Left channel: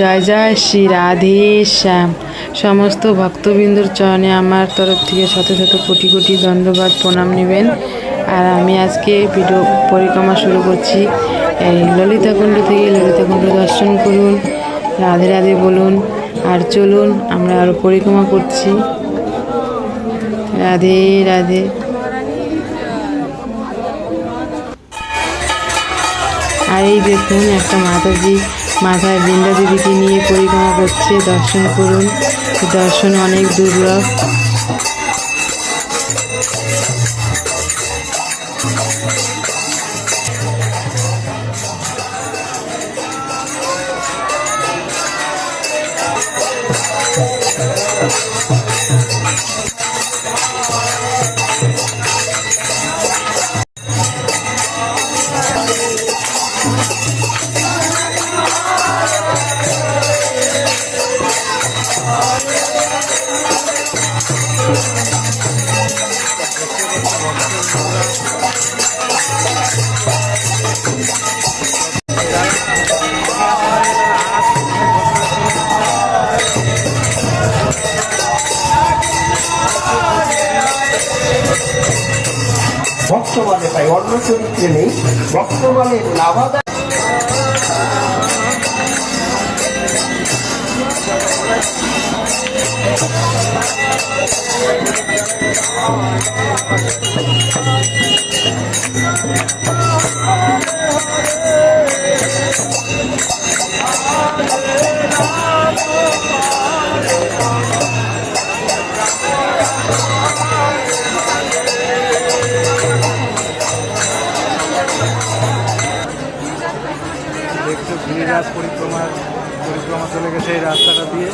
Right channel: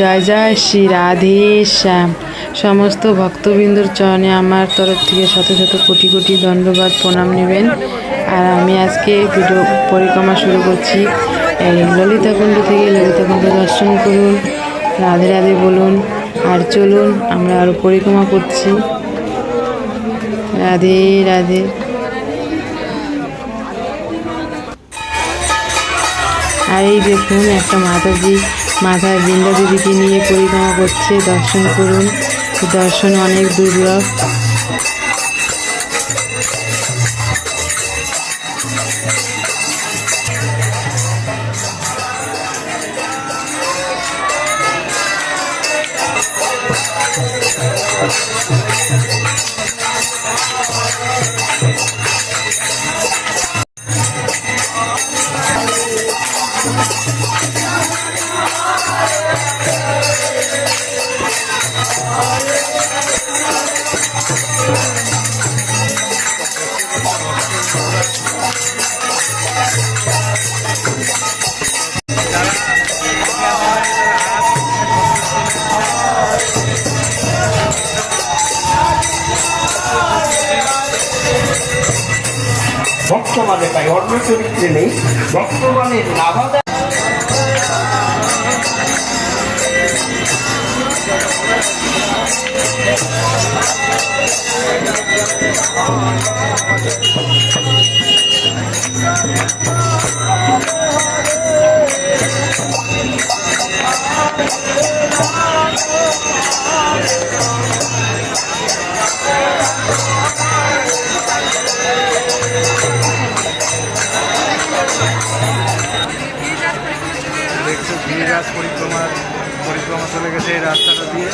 জয় জয় শ্রী রাধে শ্যাম। সমস্ত ভক্তবৃন্দর চরণে আমার তরফ থেকে শত শত কোটি কোটি দণ্ডবাদ প্রণাম নেবেন। আর আমি আজকে ভিডিও পরিক্রমা শুরু করছি। এই ললিতাকুণ্ড থেকে ললিতাকুণ্ড দর্শন করুন, রাধে রাধে বলুন, আর চলুন আমরা আরও পরিক্রমা করছি। রাধে রাধে। আর এই দেখুন একটা মাতাজি মাথায় বৃন্দা দেবীকে নিয়ে পরিক্রমা করছে দর্শন করুন। দর্শন অনেক দুর্লভ। বর্তমানে পাই অন্য চরিত্রে নেই বর্তমানে নাভাদা দেখছ গিরিরাজ পরিক্রমার পরিক্রমা চলে গেছে এই রাস্তাটা দিয়ে।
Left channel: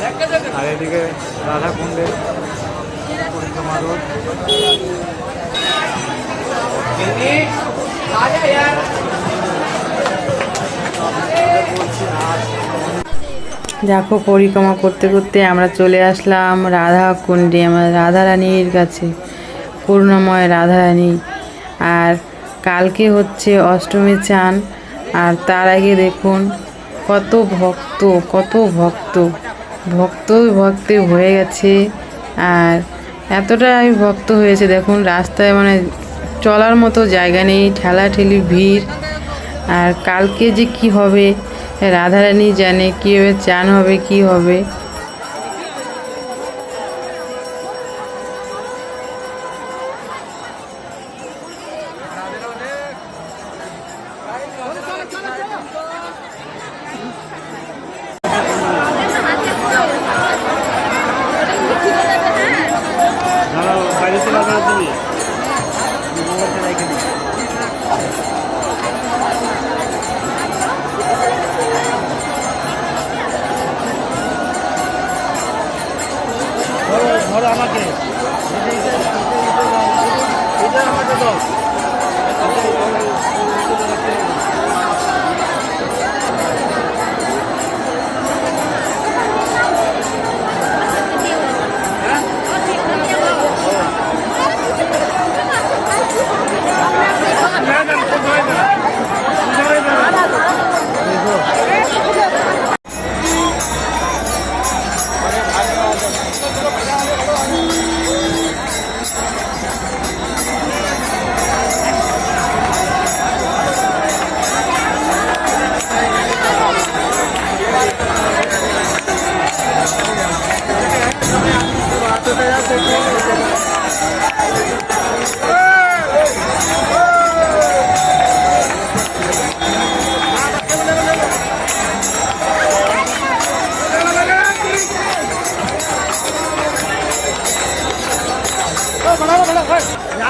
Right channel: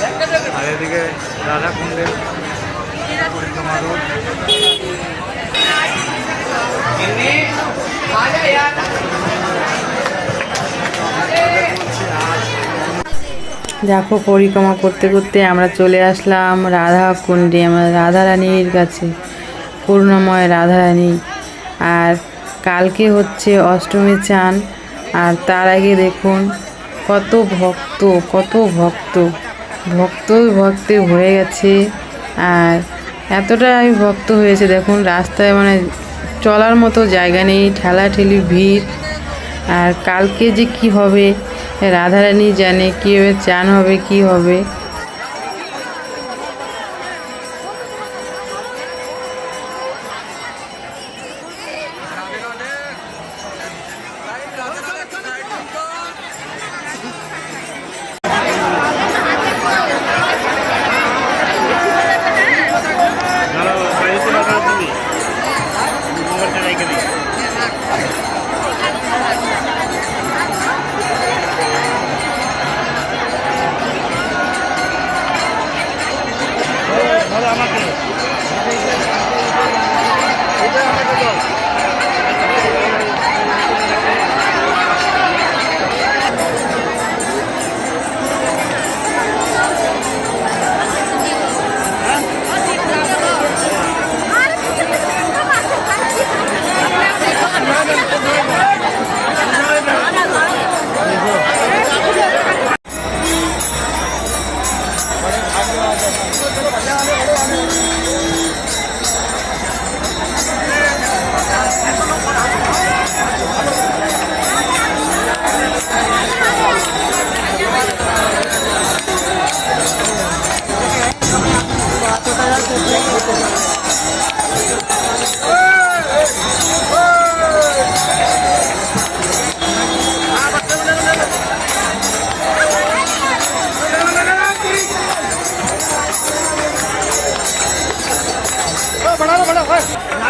আর এদিকে রাধাকুণ্ডের পরিক্রমা রোড। দেখো পরিক্রমা করতে করতে আমরা চলে আসলাম রাধা কুণ্ডে আমরা রাধারানীর কাছে, করুণাময় রাধারানী। আর কালকে হচ্ছে অষ্টমী চান, আর তার আগে দেখুন কত ভক্ত কত ভক্ত। ভক্ত ভক্তে ভরে গেছে। আর এতটাই ভক্ত হয়েছে, দেখুন, রাস্তায় মানে চলার মতো জায়গা নেই, ঠেলাঠেলি ভিড়। আর কালকে যে কি হবে, রাধারানী জানে, কীভাবে চান হবে, কি হবে।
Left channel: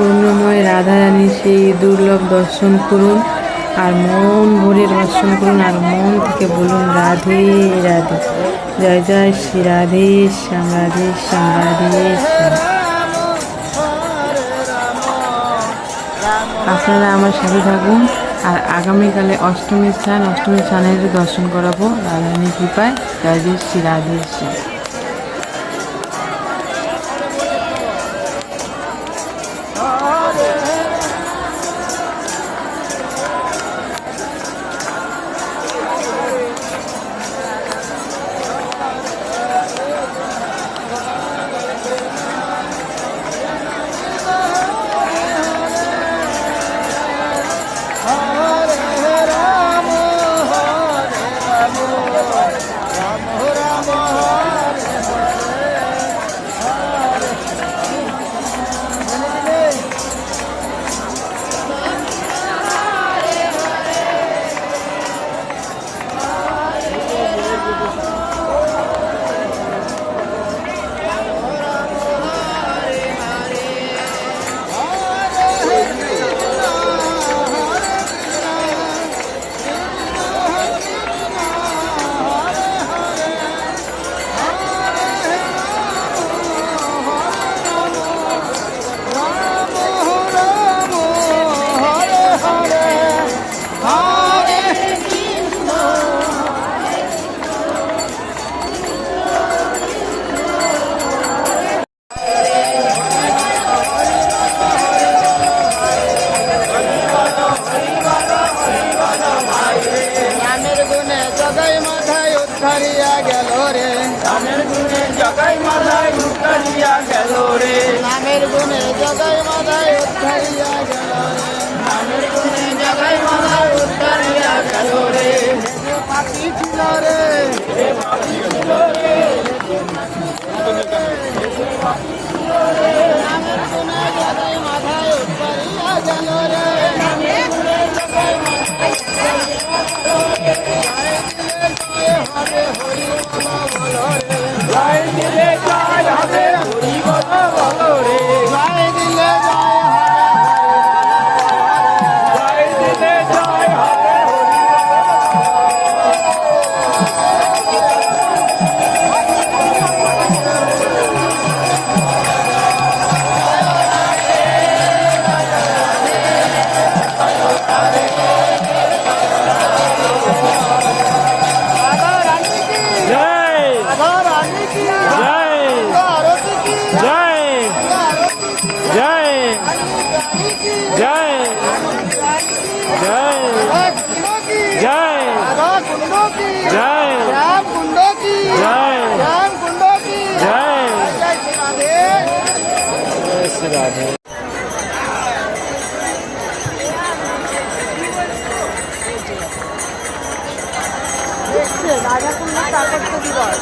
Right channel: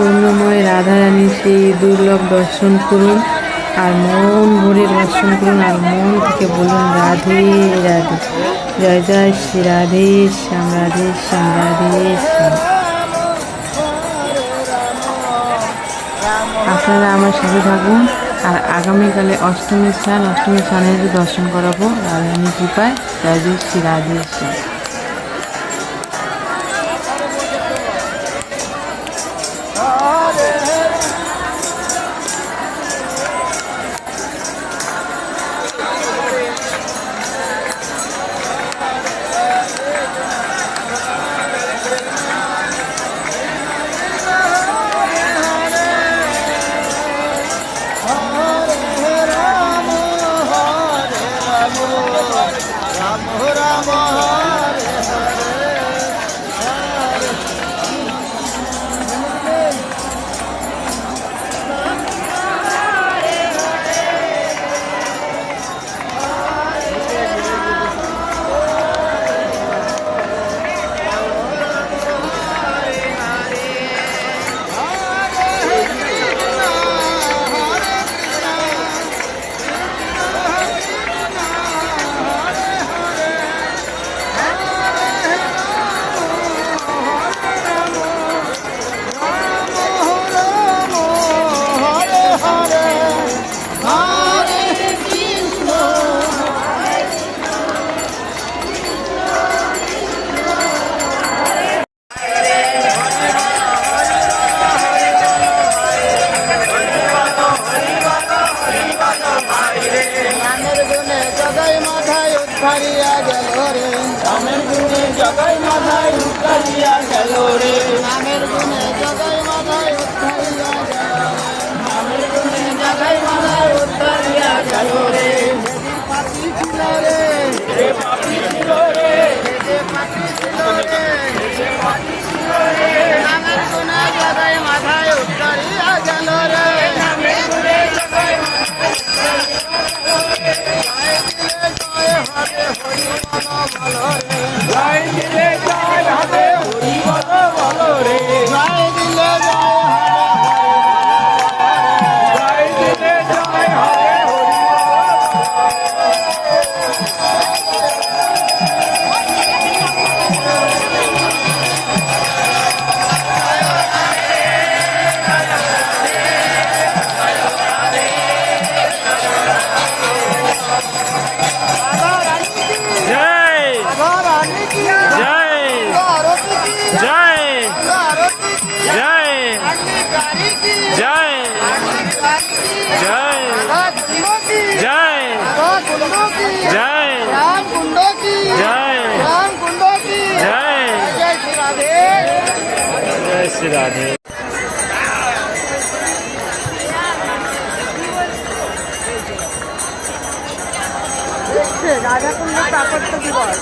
করুণাময় রাধারানীর সেই দুর্লভ দর্শন করুন আর মন ভরে দর্শন করুন আর মন থেকে বলুন, রাধে রাধে। জয় জয় শ্রী রাধে, শ্যাম রাধে শ্যাম রাধে, শ্যাম। আপনারা আমার সাথে থাকুন আর আগামীকালে অষ্টমী স্নান অষ্টমী স্নানের দর্শন করাবো। রাধারানী কৃপায়। জয় জয় শ্রী রাধে, শ্যাম। जय जय जय जय जय जय श्री राधे রাজা কুমার প্রাকৃতিক দিবস